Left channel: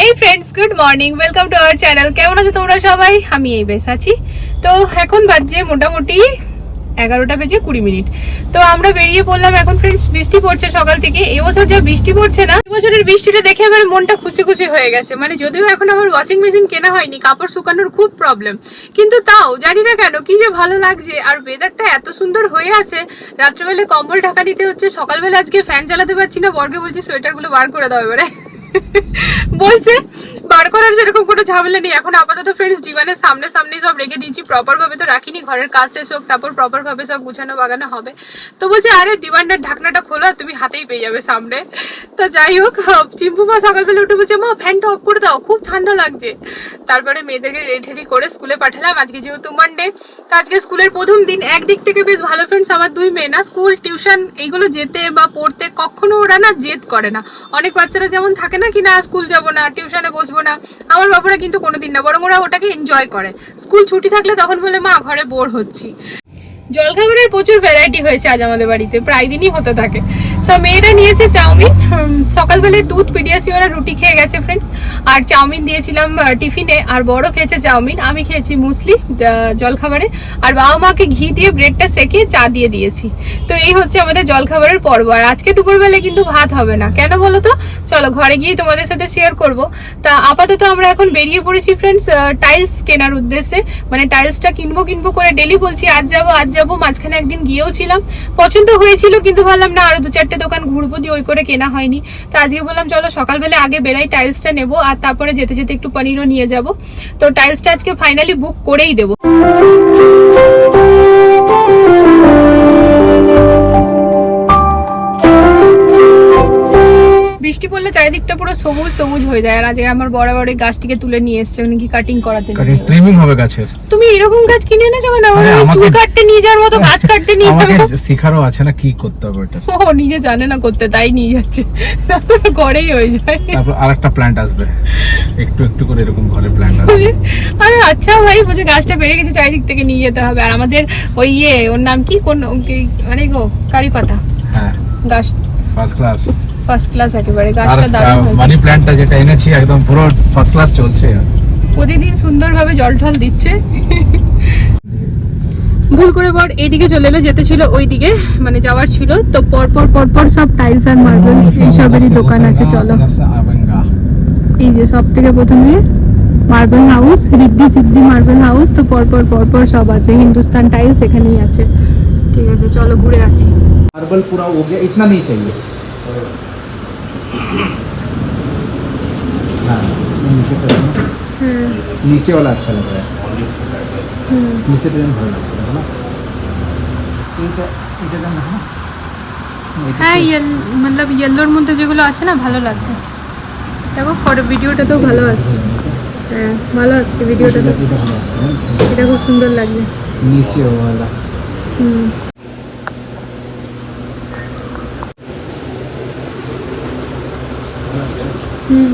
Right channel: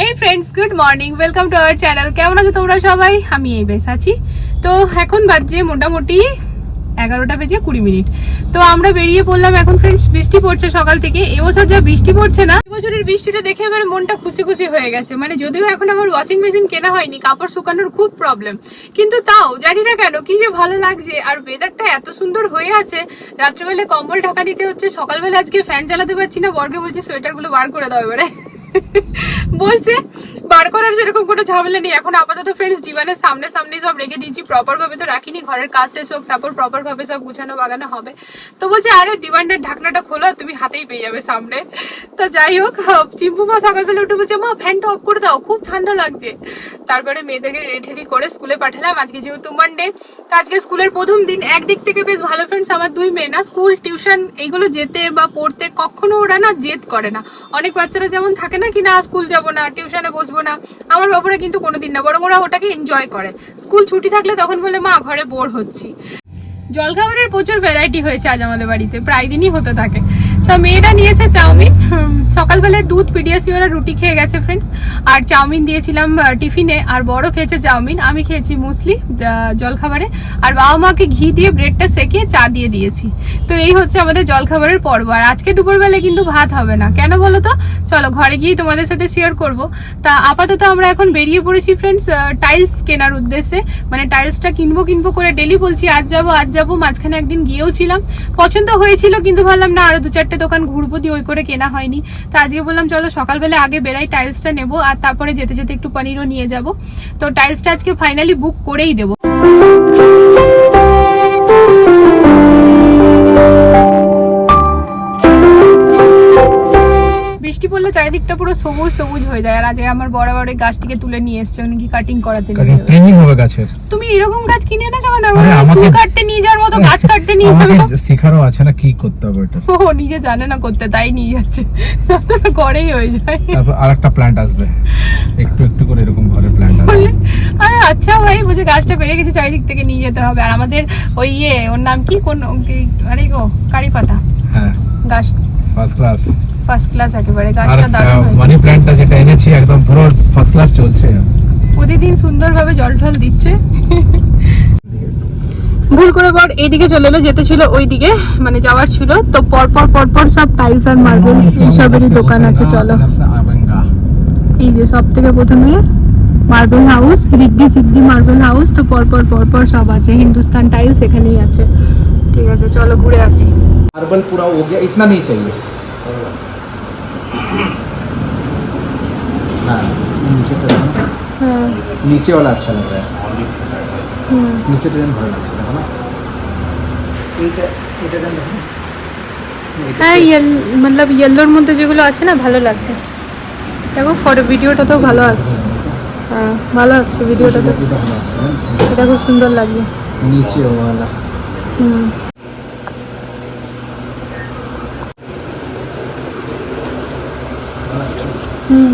Hey friends good morning welcome to our channel কেমন আছো তোমরা সবাই? আমি এই বেশ আছি। তো এখন বাজছে মোটামুটি এগারোটা বেজে কুড়ি মিনিট। তো আমরা বেরিয়ে পড়লাম এখন ফ্রেন্ডস বৃষ্টি পড়ছে সকাল থেকে। এবছর যা বৃষ্টি পড়ছে না, এবছরের বৃষ্টিটা দেখে আমার মনটা খুশি খুশি হয়ে গেছে। মানে যদিও এখন আমার ওয়াশিং মেশিন কেনা হয়নি, কাপড় শুকানোর খুব প্রবলেম কিন্তু তাও, জানি না কেন, কি যে ভালো লাগছে। আর ওয়েদারটা এত সুন্দর হয়ে আছে রাত্রেবেলা কম্বল ঢাকা নিতে হচ্ছে, সকালবেলা আজকে ফ্যান চালাতে পারছি না বর্গে বলছি সোয়েটারগুলো বার করে দাও এবারে। বলছে, বার করার সেরকম কোনো ঝামেলা নেই। এখন আপাতত ফ্রেন্ডস ডিভানের সামনে সামনে সব রেখে দিয়েছি। প্রপার ভাবে তো রাখিনি, ঘরের কাজ শেষ হোক, তারপর প্রপার ভাবে সব গুছানো বাগানো হবে। তো বলছে, আরে ডিভানটার ঢাকনাটা খোলো তুমি হাতেই পেয়ে যাবে সামনে। তো যাই হোক চিম্পু মা সকালবেলা উঠে বলছে, মা, ফ্যানটা অফ করে দাও, খুব ঠান্ডা লাগছে। তারপরে মেয়েদেরকে রেডি রেডি করে স্কুলে পাঠালাম। আজকে যেহেতু মানডে তো আজকে স্কুলের প্রথম দিন। একদিক থেকে বেশ ভালো ফ্রেন্ডস আমার দুই মেয়ে না স্কুল টিউশন এইগুলো যেতে বা পড়তে কখনো ওরা না জেদ করে না। অনেক বাচ্চারা যেমন থাকে না কি না স্কুল যাব না টিউশনে বসবো না, আমার বাবারা কিন্তু কোনোদিন না, বরং ওরা ওটাকে এনজয় করে। স্কুল ছুটি থাকলে তখন বলে, মা, ঘরে বোর হচ্ছি। জলখাবারের প্রচুর ভ্যারাইটি হয়েছে আজ আমাদের বাড়িতে, প্রায় দিনই হতে থাকে। তা মেয়েরা নিয়েছে চাউমিন। সকালবেলায় দুধ পিডিয়াসি ওরা রুটি খেয়ে গেছে ফ্রেন্ডস আর চাউমিন দিয়েছিলাম টিফিনে। আর বড় খেয়েছে চাউমিন আমি খেয়েছি মুসলি জলখাবারে। আর বাবা মাকে ঘি দিয়ে ব্রেডটা সেকে চা দিয়ে দিয়েছি। তো এই হচ্ছে আমাদের জলখাবারের পর্ব। আর আজকে দুপুরবেলা কিন্তু ভাত হবে না। কেন বলো তো? চলো ঘরে গিয়ে তোমাদের সাথে শেয়ার করব। তা আপাতত আমরা এখন বেরিয়ে পড়েছি ফ্রেন্ডস টাইলস কেনার উদ্দেশ্যে। মানে টাইলসটা কিনবো কিনবো করে ডেলি বলছি আজ যাব আজ যাব। মাঝখানে একদিন গিয়েও ছিলাম। পছন্দ হয়েছিল কিন্তু ভাবলাম না আরও দু চারটে দোকান ঘুরবো দিয়ে ওই করে কেনা হয়নি। তো আজকে বললাম, চলো সকালবেলা আগে বেড়াই টাইলসটা নেব আর তারপরে যেতে যেতে একটু পনিরও নিয়ে যাব। তো টাইলসটা আজকে ফাইনালি বুক করেই দেবো। বৃষ্টি পড়লে চারিদিকটা পুরো সবুজ সবুজ হয়ে যায়। আর আজকে আমার বড় বড় গাছটিকে তুলে নিয়ে এসছে উনি কি কাটিং করাতে নিয়ে। ট্রিমিং হবে গাছের। তুমি এরকম গাছ কিনে এনেছো কেন? আরে আমার চুল কাটতে নিয়ে যাওয়ার মতো গাছ কাটতে নিয়ে যাবে। শিখারও আছে না কি করতে হবে এটা ও নিজে জানে না করতে তাই নিয়ে যাচ্ছে। তারপরে ঘরেই হয়ে যায়। তারপর আরেকটা প্ল্যান্ট আসবে। একটু একটু করে এরকম ঘরে প্ল্যান্ট আসবে। আরে আচ্ছা ভাই বুঝে গাছটা বেড়ে গেছে চারিদিক থেকে নিয়ে যেতে হবে। আর আমাদের ওই ইয়ে ওর নাম কি? কোন আরে গো কারি পাতা হ্যাঁ। গাছ। ফার্স্ট ক্লাস ফার্স্ট ক্লাস একেবারে গাছটা দারুণ হয়েছে। মানি প্ল্যান্টটা যেটা এনেছি একদম পুরো ফার্স্ট ক্লাস চলছে। প্রতিদিন সুন্দরভাবে জল ঢল দিচ্ছে। ভুল করে পর এইদিকে চলে এলো যেতে ছিল ওইদিকে মানে যাওয়ার ছিল। তো পরপর পরপর সব টাইলস আর মার্বেল এইসবেরই দোকান আছে চলো। এই যে সব থেকে প্রথমে মার্বেল হাউস রিদ্দি সিদ্ধি মার্বেল হাউস তো পরপর পরপর সব আছে। হিন্দুস্তান টাইলস এখানেই আছে। ঠিক আছে চলো ঘুরে আসি। মার্বেল পুরা ইতনা নেই চাইয়ে नीचे वाला अच्छा लग रहा है नीचे डिजाइन भारी लग এইটা এটা যেন দেখো? হ্যাঁ মতলব ইয়েলোর মধ্যে যেগুলো আছে না ভালো লাগছে। দেখো ফটো ভিডিওটা তো ভালো আসছে হ্যাঁ ভালো আসছে ভিডিওটা তো এটা খুব সুন্দর লাগছে। নিচে হুম। হুম।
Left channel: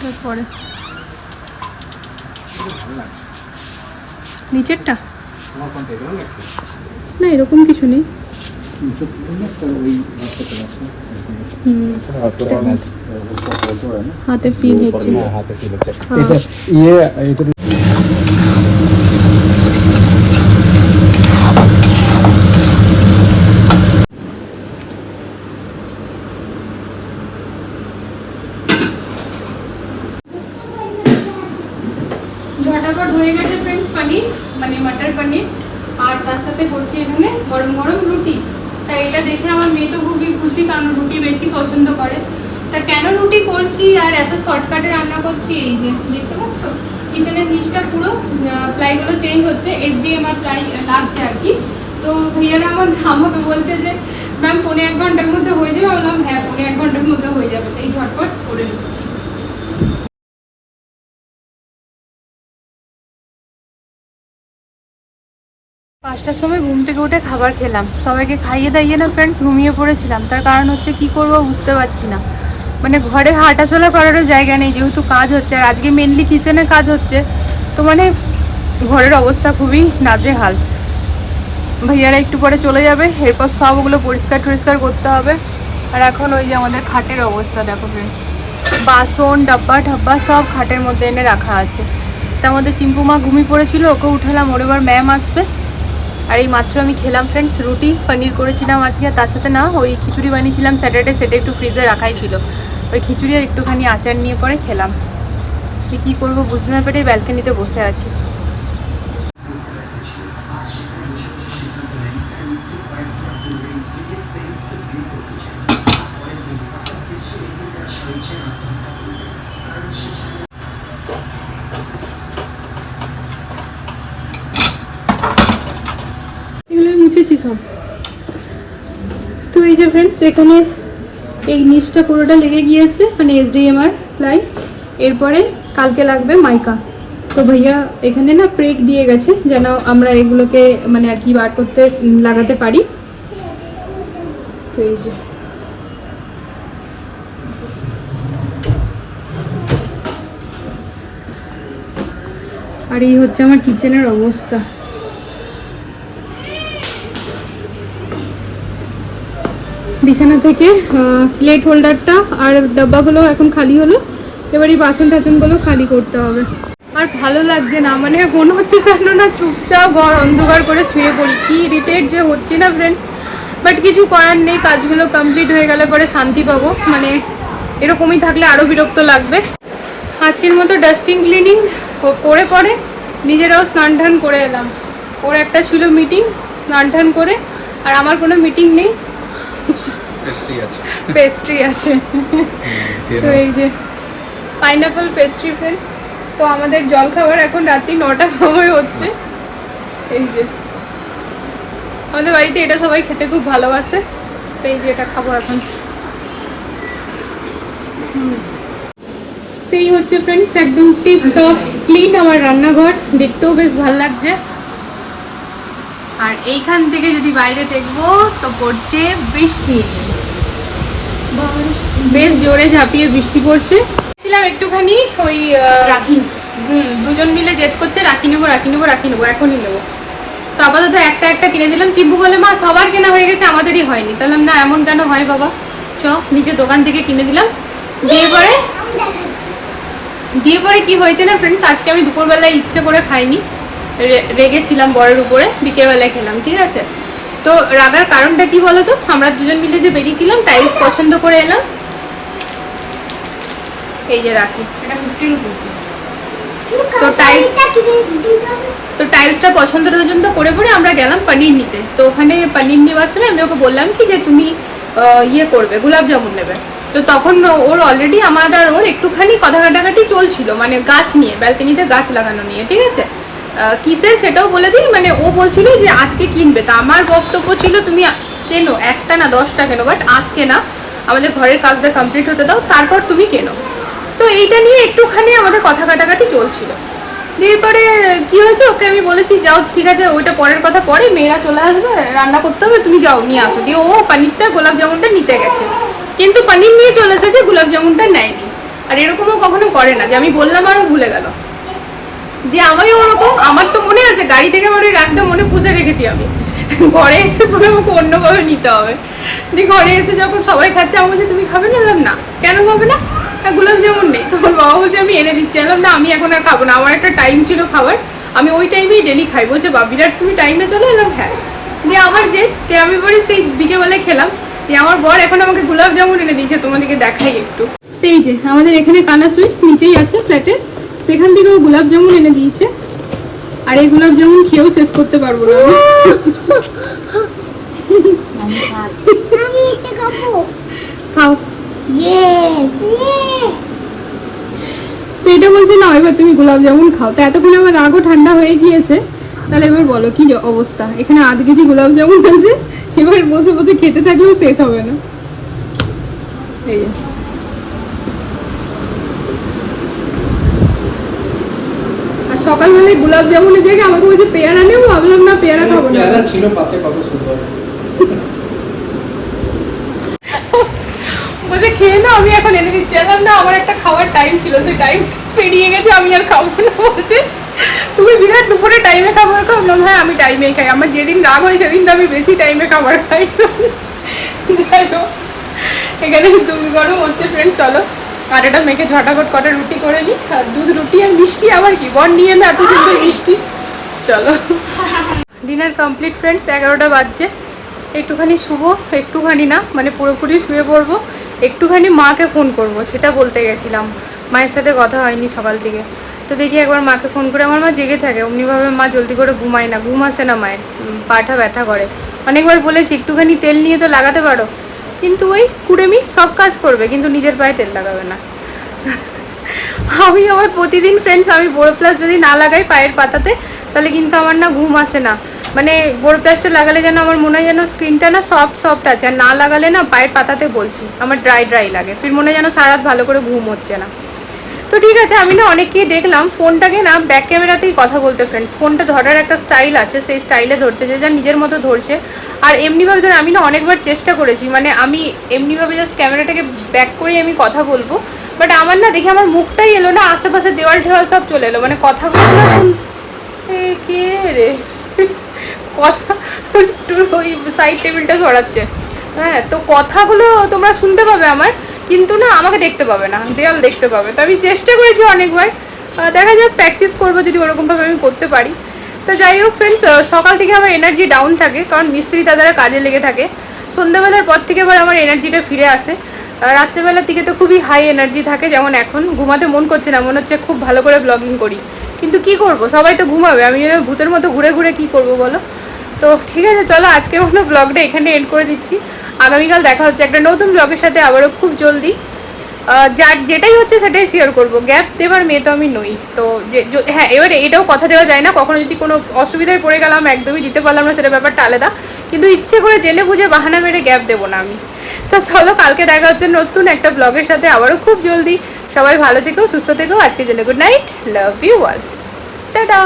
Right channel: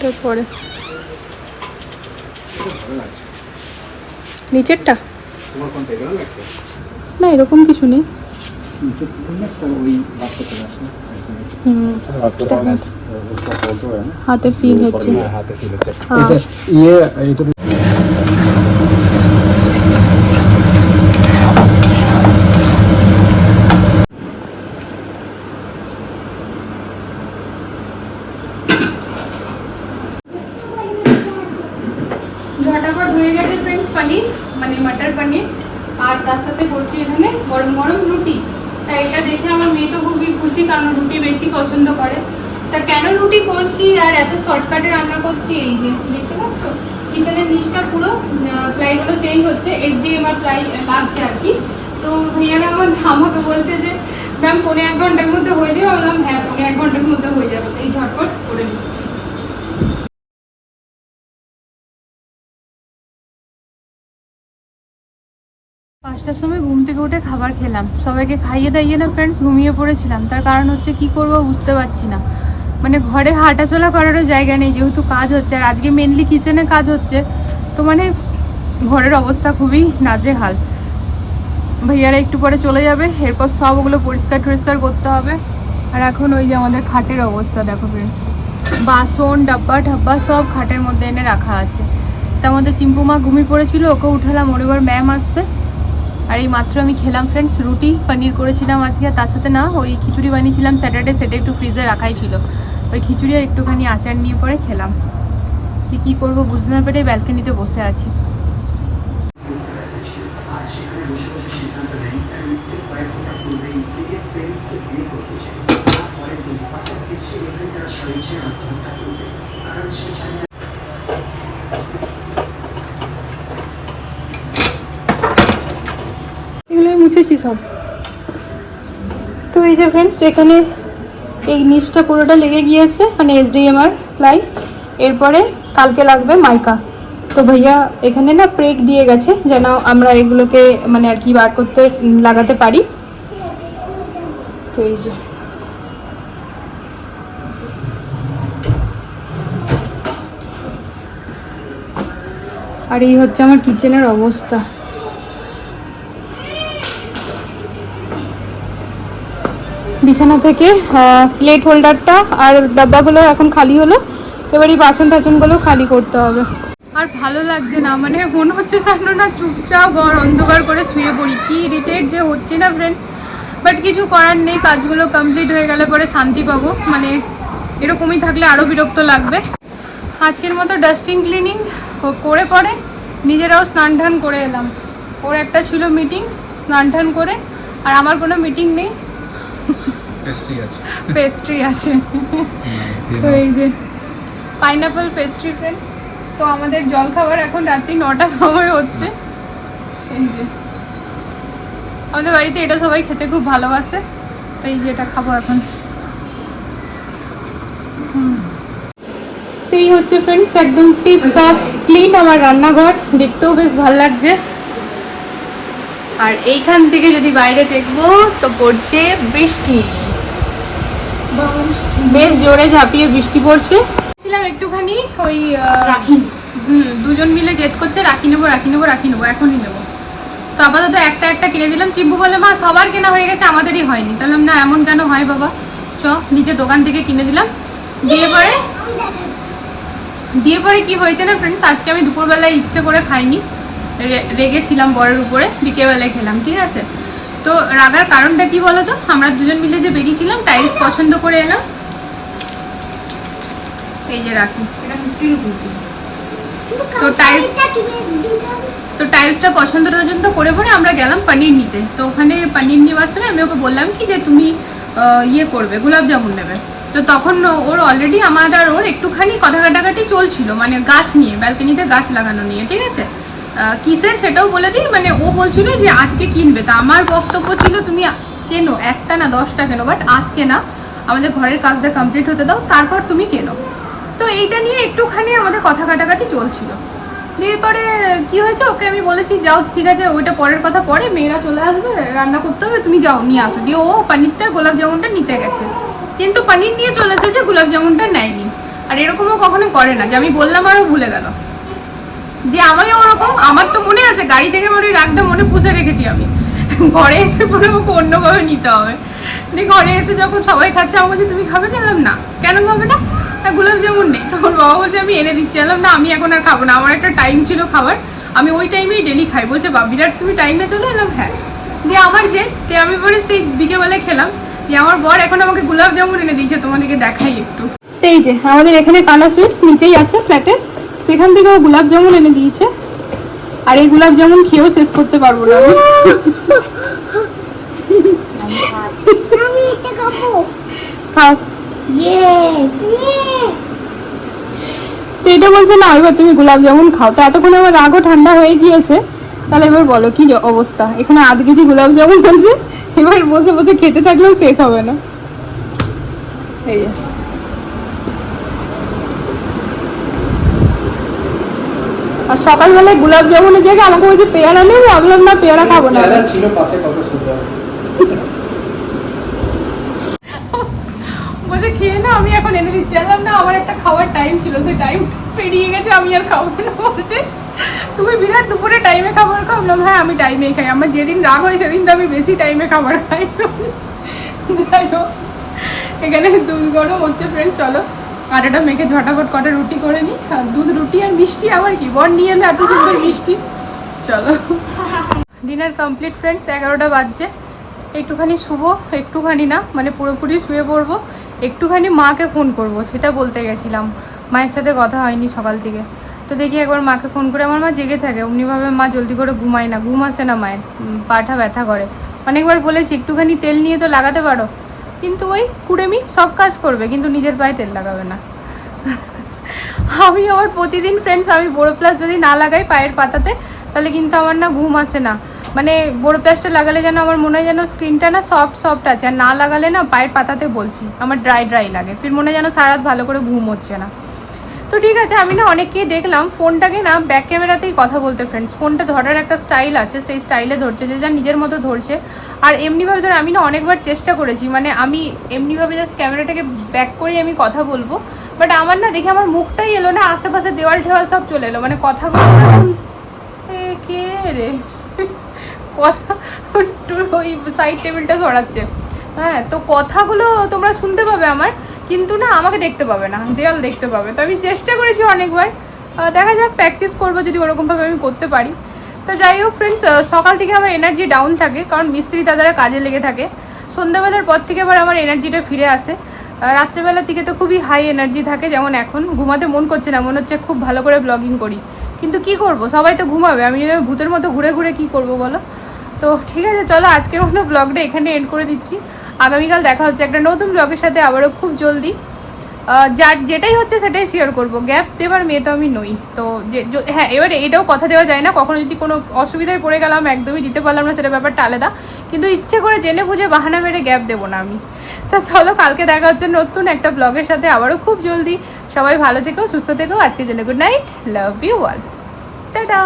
তারপরে? নিচেরটা? না এরকম কিছু নেই। হাতে ফিল হচ্ছে হাতে ফিল হচ্ছে হ্যাঁ। এটা ইয়ে এটা ঝটাপট হয়ে গেছে ফ্রেন্ডস পনির মানে মটর পনির আর তার সাথে করছি এখানে গরম গরম রুটি তাই এটা দেখে আমার মেয়ে তো খুবই খুশি, কারণ রুটি বেশি পছন্দ করে। তা কেন রুটি করছি আর এত শর্টকাটে রান্না করছি এই যে, দেখতে পাচ্ছ? কিচেনের নিচটা পুরো প্লাইগুলো চেঞ্জ হচ্ছে এইচডিএমআর প্লাই লাগছে আর কি। তো ভাইয়ারা আমার আমাকে বলছে যে ম্যাম পনেরো এক ঘণ্টার মধ্যে হয়ে যাবে। বললাম হ্যাঁ পনেরো এক ঘণ্টার মধ্যে হয়ে যাবে। এই ঝটপট করে দিচ্ছি পাঁচটার সময় ঘুম থেকে উঠে খাবার খেলাম। সবাইকে খাইয়ে দাইয়ে না ফ্রেন্ডস ঘুমিয়ে পড়েছিলাম। তার কারণ হচ্ছে কি করব বুঝতে পারছি না। মানে ঘরে হাঁটাচলা করারও জায়গা নেই, যেহেতু কাজ হচ্ছে। আর আজকে মেনলি কিচেনে কাজ হচ্ছে। তো মানে ঘরের অবস্থা খুবই নাজেহাল। ভাইয়ারা একটু পরে চলে যাবে। এরপর সব ওগুলো পরিষ্কার টরিষ্কার করতে হবে। আর এখন ওই যে আমাদের খাটের অবস্থা, দেখো ফ্রেন্ডস বাসন, ডাব্বা, ঠাব্বা সব খাটের মধ্যে এনে রাখা আছে। তার মধ্যে চিম্পু মা ঘুমিয়ে পড়েছিল, ওকে উঠালাম। ওর এবার ম্যাম আসবে। আর এই মাত্র আমি খেলাম ফ্রেন্ডস রুটি, পনির করেছিলাম আজকে। আর তার সাথে না, ওই খিচুড়ি বানিয়েছিলাম স্যাটারডে সেটা একটু ফ্রিজে রাখাই ছিল। ওই খিচুড়ি আর একটুখানি আচার নিয়ে পরে খেলাম। কি কী করব, বুঝতে না পেরে ব্যালকানিতে বসে আছি। এগুলো সব। তো এই যে ফ্রেন্ডস এখানে এই নিচটা পুরোটা লেগে গিয়েছে মানে এসডিএমআর প্লাই এরপরে কালকে লাগবে মাইকা। তো ভাইয়া, এখানে না প্রেক দিয়ে গেছে, যেন আমরা এগুলোকে মানে আর কি বার করতে লাগাতে পারি। তো এই যে। আর এই হচ্ছে আমার কিচেনের অবস্থা। বিছানা থেকে প্লেট হোল্ডারটা আর ডাব্বাগুলো এখন খালি হলো। এবার এই বাসন টাসনগুলো খালি করতে হবে। আর ভালো লাগছে না মানে মনে হচ্ছে যেন না চুপচাপ ঘর অন্ধকার করে শুয়ে পড়ি। কি ইরিটেট যে হচ্ছে না ফ্রেন্ডস বাট কিছু করার নেই, কাজগুলো কমপ্লিট হয়ে গেলে পরে শান্তি পাবো। মানে এরকমই থাকলে আরও বিরক্ত লাগবে। আজকের মতো ডাস্টিং ক্লিনিং করে পরে নিজেরাও স্নান টান করে এলাম। ওর একটা ছিল মিটিং স্নান টান করে। আর আমার কোনো মিটিং নেই। পেস্ট্রি আছে। পেস্ট্রি আছে। খেয়ে তো এই যে পাইনাপল পেস্ট্রি ফ্রেন্ডস তো আমাদের জল খাবার এখন রাত্রি নটা সময় হচ্ছে। এই যে আমাদের বাড়িতে এটা সবাই খেতে খুব ভালোবাসে। তো এই যে এটা খাব এখন। হুম। তো এই হচ্ছে ফ্রেন্ডস একদম টিপ টপ ক্লিন আমার রান্নাঘর। দেখতেও বেশ ভালো লাগছে। আর এইখান থেকে যদি বাইরে দেখব তো পড়ছে বৃষ্টি। বেশ জোরে ঝাঁপিয়ে বৃষ্টি পড়ছে। ছিলাম একটুখানি ওই হুম দুজন মিলে জেদ করছে রাখি নেব রাখি নেব রাখি নেব এখনই নেব। তো আপাতত একটা একটা কিনে দিলাম। চিম্পু বলে মা সবার কেনা হয়ে গেছে আমাদেরই হয়নি। তাহলে না এমন কেন হয় বাবা? চ নিচে দোকান থেকে কিনে দিলাম। দিয়ে পরে দিয়ে পরে কি হয়েছে না ফ্রেন্ডস আজকে আমি দুপুরবেলায় ইচ্ছে করে খাইনি। রেগেছিলাম বরের উপরে বিকেলবেলায় খেলাম ঠিক আছে? তো রাগার কারণটা কি বলতো? আমরা দুজন মিলে যে বেরিয়েছিলাম টাইলস পছন্দ করে এলাম। এই যে রাখি। তো টাইলস তো টাইলসটা পছন্দ পছন্দ করে পরে আমরা গেলাম পনির নিতে। তো ওখানে পনির নেওয়ার সময় আমি ওকে বললাম কি যে তুমি ইয়ে করবে গোলাপ জামুন নেবে। তো তখন ওর অলরেডি আমার আর ওর একটুখানি কথা কাটাকাটি চলছিল মানে গাছ নিয়ে ব্যালকনিতে গাছ লাগানো নিয়ে ঠিক আছে? কিসের সেটাও বলে দিই। মানে ও বলছিল যে আজকে কিনবে। তা আমার বক্তব্য ছিল, তুমি কেনো? একটা না দশটা কেনো? বাট আজকে না। আমাদের ঘরের কাজটা কমপ্লিট হতে দাও, তারপর তুমি কেনো? তো এইটা নিয়ে একটুখানি আমাদের কথা কাটাকাটি চলছিল। দিয়ে পরে কি হয়েছে? ওকে আমি বলেছি, যাও, ঠিক আছে, ওইটা পরের কথা। পরে মেয়েরা চলে আসবে, রান্না করতে হবে, তুমি যাও, নিয়ে আসো। দিয়ে ও পানিরটা, গোলাপ জামুনটা নিতে গেছে। কিন্তু পানির নিয়ে চলে এসেছে, গোলাপ জামুনটা নেয়নি। আর এরকমও কখনো করে না, যে আমি বললাম আরও ভুলে গেল। যে আমারও ওরকম আমার তো মনে আছে গাড়ি থেকে আমার ওই রাগটা মনে পুষে রেখেছি আমি। ঘরে এসে পরে আমাকে অন্যভাবে নিতে হবে। দিয়ে ঘরে এসে যখন সবাই খাচ্ছে আমাকে বলছে তুমি খাবে না? না। কেন খাবে না? "হ্যাঁ, গোলাপ জামুন নেই। তখন বাবা বলছে আমি এনে দিচ্ছি। বললাম না আমি এখন আর খাব না। আমার একটা টাইম ছিল খাবার। আমি ওই টাইমেই ডেলি খাই। বলছে বা বিরাট তুমি টাইমে চলে এলাম হ্যাঁ। দিয়ে আমার যে তে আমি পরে সেই বিকেবেলায় খেলাম। দিয়ে আমার বর এখন আমাকে গোলাপ জামুন এনে দিয়েছে তোমাদেরকে দেখাই একটু। এই যে আমাদের এখানে কালা সুইটস নিচেই আছে ফ্ল্যাটে সেখান থেকে ও গোলাপ জামুন এনে দিয়েছে। আর এই গোলাপ জামুন খেয়েও শেষ করতে পারব না। খাও। এটা বলছে না এবার তুমি গোলাপ জামুন খাও। তো এতক্ষণ আমার রাগও ঠান্ডা হয়ে গিয়েছে। তাহলে এবার বলো, কি অবস্থা? এখানে আধ কেজি গোলাপ জামুন আছে। এবার বসে বসে খেতে থাকলেও শেষ হবে না। এই যে। আর সকালবেলায় গোলাপ জামুনের জায়গায় আমাকে বলছে পেয়ারা নেব? ভাবলাম না পেয়ারা খাব না। পেয়ারা ছিল পাশে কত সুন্দর। বলছে খেয়ে না আমি এখন এনে দিচ্ছি। না আমার একটা খাওয়ার টাইম ছিল সেই টাইম পেরিয়ে গেছে আমি আর খাব না। বলছে তুমি বিরাট দুপুরে টাইমে খাবার খাও? বললাম হ্যাঁ আমি টাইমে খাই। আমার যেদিন রাগ হয় সেদিন তো আমি বেশি টাইমে খাবার খাই। যাই হোক এখানে দুধ গরম হচ্ছে ফ্রেন্ড চলো। আটাটা মেখে ঝটাপট কটা রুটি করে নিই। আর দুধ, রুটি আর মিষ্টি আবার কি? বর নিয়ে এলে এত সুন্দর মিষ্টি। চলো। ডিনার কমপ্লিট ফ্রেন্ডস এগারোটা বাজছে। একটুখানি শুভ একটুখানি না মানে পুরোপুরি শুয়ে পড়ব। একটুখানি মাকে ফোন করব, সেটা বলতে গেছিলাম। মায়ের সাথে কথা হয়নি সকাল থেকে। তো দেখি একবার মাকে ফোন করে। আমার মা জেগে থাকে, অমনিভাবে মা জলদি করে ঘুমায় না, ঘুম আসে না মায়ের। পাটা ব্যথা করে। অনেকবার বলেছি, একটুখানি তেল নিয়ে তো লাগাতে পারো? কিন্তু ওই কুড়েমি সব কাজ করবে, কিন্তু নিজের পায়ে তেল লাগাবে না। আমি আমার প্রতিদিন ফ্রেন্ডস আমি বোরো প্লাস যদি না লাগাই পায়ের পাতাতে, তাহলে কিন্তু আমার না ঘুম আসে না। মানে বোরো প্লাসটা লাগালে যেন আমার মনে হয় যেন স্ক্রিনটা না সফট সফট আছে। আর না লাগালে না পায়ের পাতাতে বলছি, আমার ড্রাই ড্রাই লাগে। ফির মনে হয় যেন সারা ভালো করে ঘুম হচ্ছে না। তো ঠিক আছে, আমি না অনেককেই দেখলাম। ফোনটাকে না ব্যাক ক্যামেরাতেই কথা বলতে ফ্রেন্ডস ফোনটা ধরার একটা স্টাইল আছে, সেই স্টাইলে ধরছে, যে যা নিজের মতো ধরছে। আর এমনিভাবে ধর, আমি না অনেকবার চেষ্টা করেছি মানে আমি এমনিভাবে জাস্ট ক্যামেরাটাকে ব্যাক করে আমি কথা বলব। বাট আমার না দেখে আমার মুখটাই এলো না, আশেপাশে দেওয়াল ঠেওয়াল সব চলে এলো। মানে কথা কে রে? কথা ওই সাইড টেবিলটা সরাচ্ছে। হ্যাঁ তো কথাগুলো তোমরা শুনতে পাবে আমার, কিন্তু না, আমাকে দেখতে পাবে না, দেয়াল দেখতে পাবে। তো আমি চেষ্টা করেছি অনেকবার দেখা যাক প্র্যাকটিস করব যদি ওরকমভাবে আমি করতে পারি। তো যাই হোক ফ্রেন্ডস সকাল থেকে আমার এনার্জি ডাউন থাকে, কারণ মিস্ত্রি তাদের কাজে লেগে থাকে। সন্ধ্যাবেলার পর থেকে আবার আমার এনার্জিটা ফিরে আসে। রাত্রেবেলার দিকে তো খুবই হাই এনার্জি থাকে, যেমন এখন। ঘুমাতে মন করছে না, মনে হচ্ছে খুব ভালো করে ব্লগিং করি। কিন্তু কি করব? সবাই তো ঘুমাবে, আমি ভূতের মতো ঘুরে ঘুরে কি করব বলো? তো ঠিক আছে, চলো আজকের মতো ব্লগটা এখানে এন্ড করে দিচ্ছি। আগামীকাল দেখা হচ্ছে একটা নতুন ব্লগের সাথে, আবারও খুব জলদি। যার যেটাই হচ্ছে সেটাই শেয়ার করব। গ্যাপ দেবার মেয়ে তো আমি নই। তো যে হ্যাঁ এবারে এটাও কথা দেওয়া যায় না। কখনো যদি কোনো অসুবিধায় পড়ে গেলাম, একদমই দিতে পারলাম না, সেটা ব্যাপারটা আলাদা। কিন্তু ইচ্ছে করে জেনে বুঝে বাহানা মেরে গ্যাপ দেবো না আমি। তা চলো, কালকে দেখা হচ্ছে নতুন একটা ব্লগের সাথে, আবারও খুব জলদি। সবাই ভালো থেকো, সুস্থ থেকো। আজকের জন্য good night love you all tata